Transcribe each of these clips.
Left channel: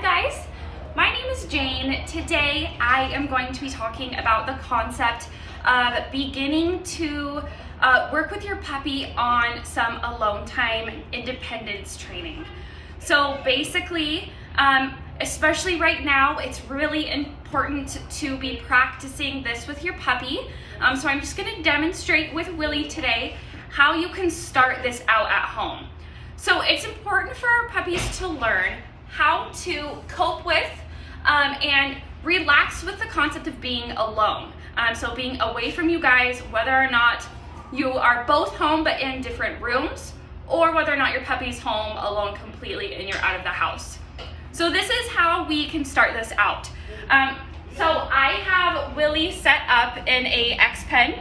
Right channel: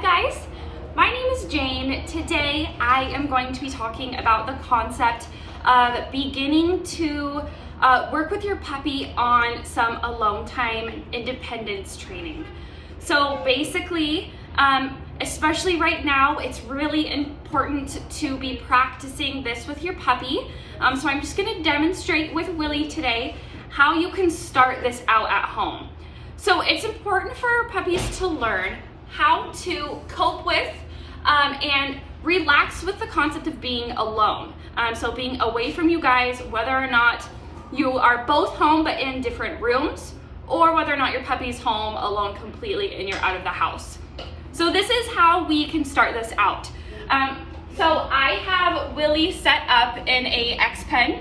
guys, my name is Jane. Today I am going to be talking about the concept of beginning to work with your puppy on some alone time independence training. So basically, especially right now, it's really important to be practicing this with your puppy. So I'm just going to demonstrate with Willie today how you can start this out at home. So it's important for our puppies to learn how to cope with and relax with the concept of being alone. So being away from you guys, whether or not you are both home but in different rooms, or whether or not your puppy's home alone completely and you're out of the house. So this is how we can start this out. So I have Willie set up in a X-Pen.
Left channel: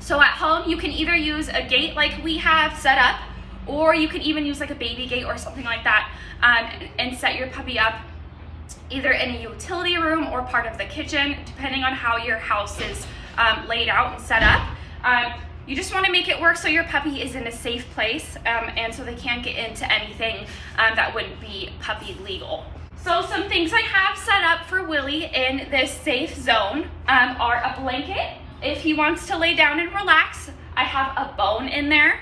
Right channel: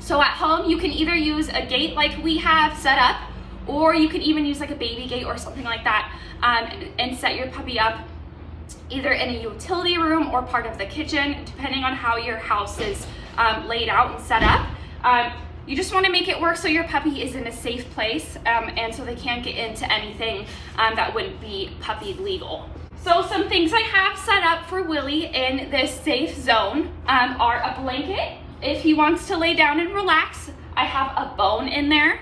So at home you can either use a gate like we have set up, or you can even use like a baby gate or something like that, and set your puppy up either in a utility room or part of the kitchen, depending on how your house is laid out and set up. You just want to make it work so your puppy is in a safe place, and so they can't get into anything that wouldn't be puppy legal. So some things I have set up for Willie in this safe zone are a blanket if he wants to lay down and relax. I have a bone in there.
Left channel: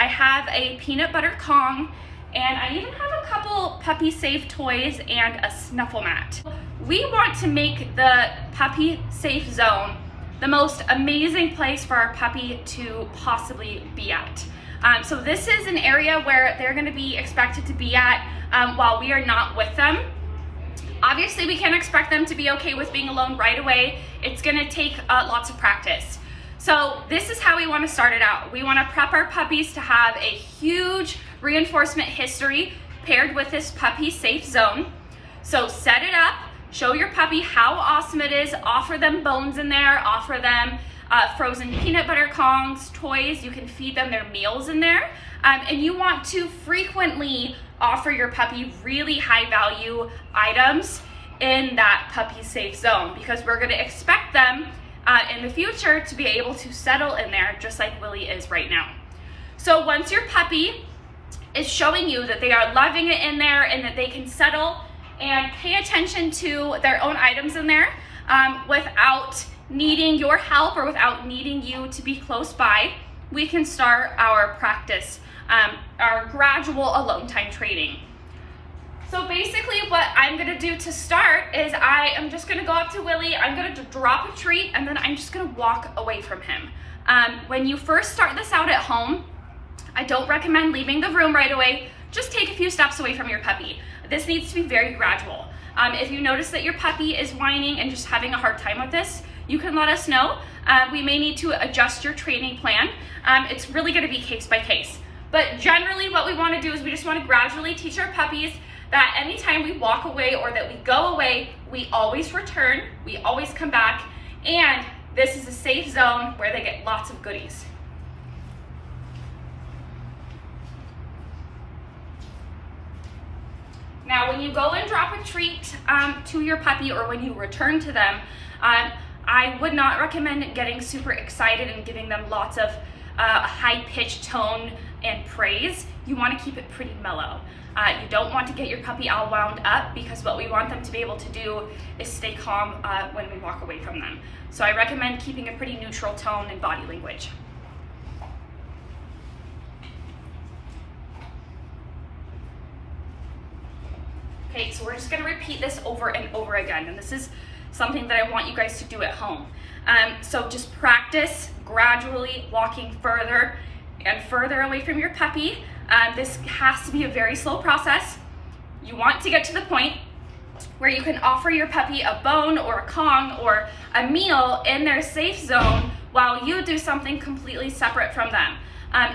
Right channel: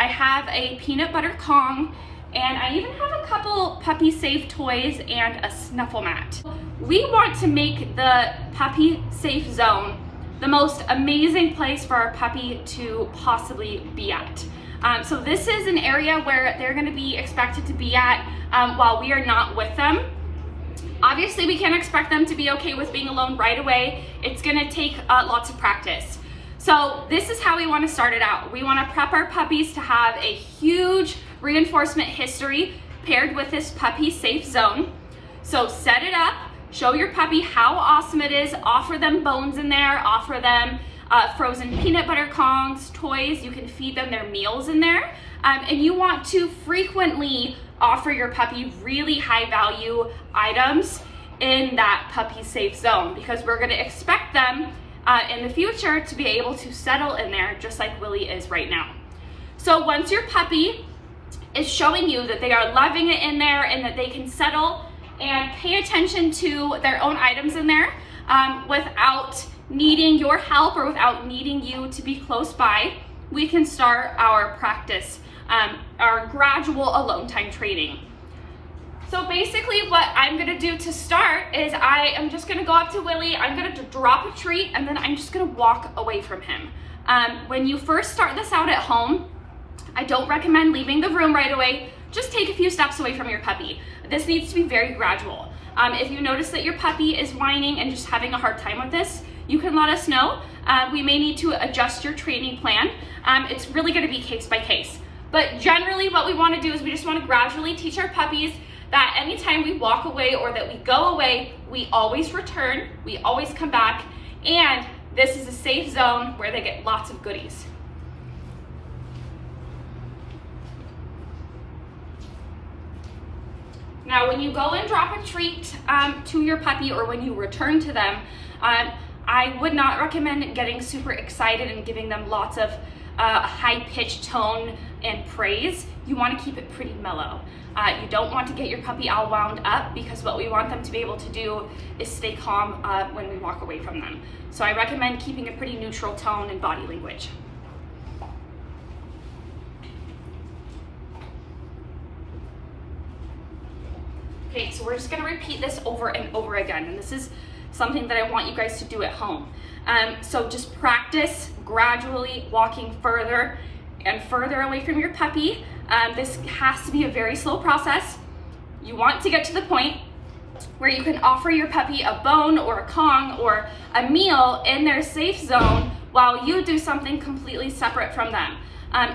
I have a peanut butter Kong, and I even have a couple puppy safe toys and a snuffle mat. We want to make the puppy safe zone the most amazing place for our puppy to possibly be at. So this is an area where they're going to be expected to be at while we are not with them. Obviously, we can't expect them to be okay with being alone right away. It's going to take lots of practice. So this is how we want to start it out. We want to prep our puppies to have a huge reinforcement history paired with this puppy safe zone. So set it up, show your puppy how awesome it is, offer them bones in there, offer them frozen peanut butter Kongs, toys, you can feed them their meals in there. And you want to frequently offer your puppy really high value items in that puppy safe zone, because we're going to expect them in the future to be able to settle in there just like Willie is right now. So once your puppy is showing you that they are loving it in there and that they can settle and pay attention to their own items in there without needing your help or without needing you to be close by, we can start our practice, our gradual alone time training. So basically what I'm gonna do to start is I am just gonna go up to Willie, I'm gonna drop a treat, and then I'm just gonna walk away from him. When you first start this out at home, I don't recommend leaving the room right away. Just take a few steps away from your puppy. This needs to be very gradual. If you notice that your puppy is whining and just having a hard time with this, you can let us know. We may need to adjust your training plan. It's really gonna be case by case. But generally what we wanna do is we just wanna gradually teach our puppies that anytime we walk away or that we go away, we always return, we always come back, and this is a safe zone where they get lots of goodies. Now, when you go and drop a treat to your puppy or when you return to them, I would not recommend getting super excited and giving them lots of high-pitched tone and praise. You want to keep it pretty mellow. You don't want to get your puppy all wound up, because what we want them to be able to do is stay calm when we walk away from them. So I recommend keeping a pretty neutral tone and body language. Okay, so we're just gonna repeat this over and over again, and this is something that I want you guys to do at home. So just practice gradually walking further and further away from your puppy. This has to be a very slow process. You want to get to the point where you can offer your puppy a bone or a Kong or a meal in their safe zone while you do something completely separate from them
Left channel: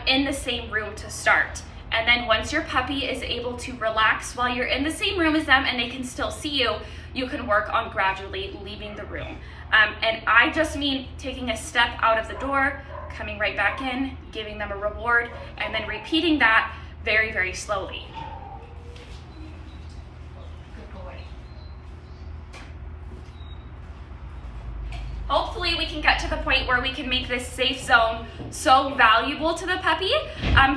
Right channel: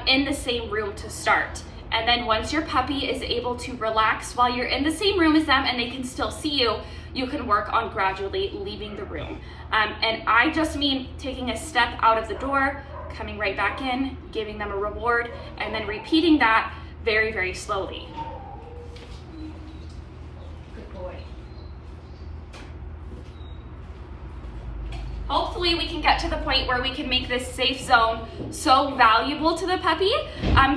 in the same room to start. And then once your puppy is able to relax while you're in the same room as them and they can still see you, you can work on gradually leaving the room. And I just mean taking a step out of the door, coming right back in, giving them a reward, and then repeating that very, very slowly. Good boy. Hopefully we can get to the point where we can make this safe zone so valuable to the puppy,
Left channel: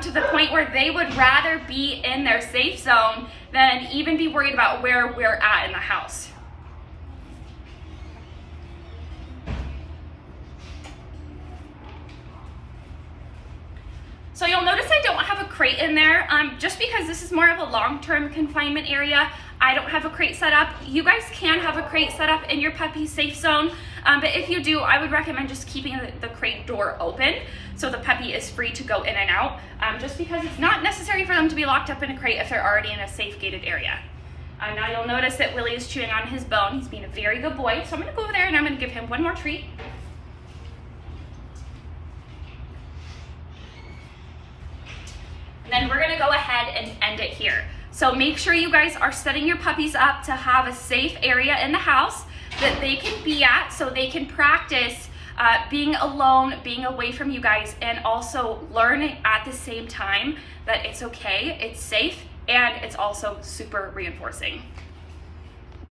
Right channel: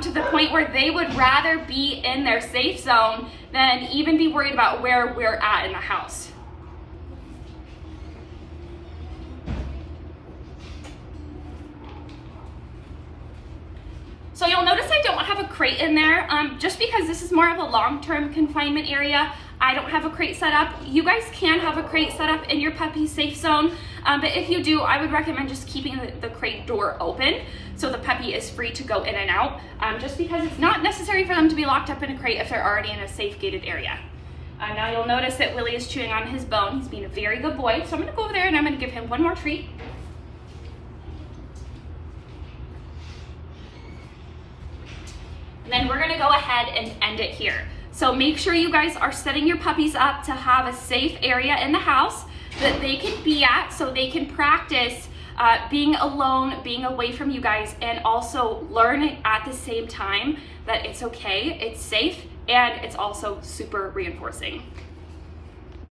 to the point where they would rather be in their safe zone than even be worried about where we're at in the house. So you'll notice I don't have a crate in there, just because this is more of a long-term confinement area. I don't have a crate set up. You guys can have a crate set up in your puppy safe zone, but if you do, I would recommend just keeping the crate door open so the puppy is free to go in and out, just because it's not necessary for them to be locked up in a crate if they're already in a safe gated area. Now you'll notice that Willie is chewing on his bone. He's being a very good boy. So I'm gonna go over there and I'm gonna give him one more treat. And then we're gonna go ahead and end it here. So make sure you guys are setting your puppies up to have a safe area in the house that they can be at, so they can practice being alone, being away from you guys, and also learn at the same time that it's okay, it's safe, and it's also super reinforcing.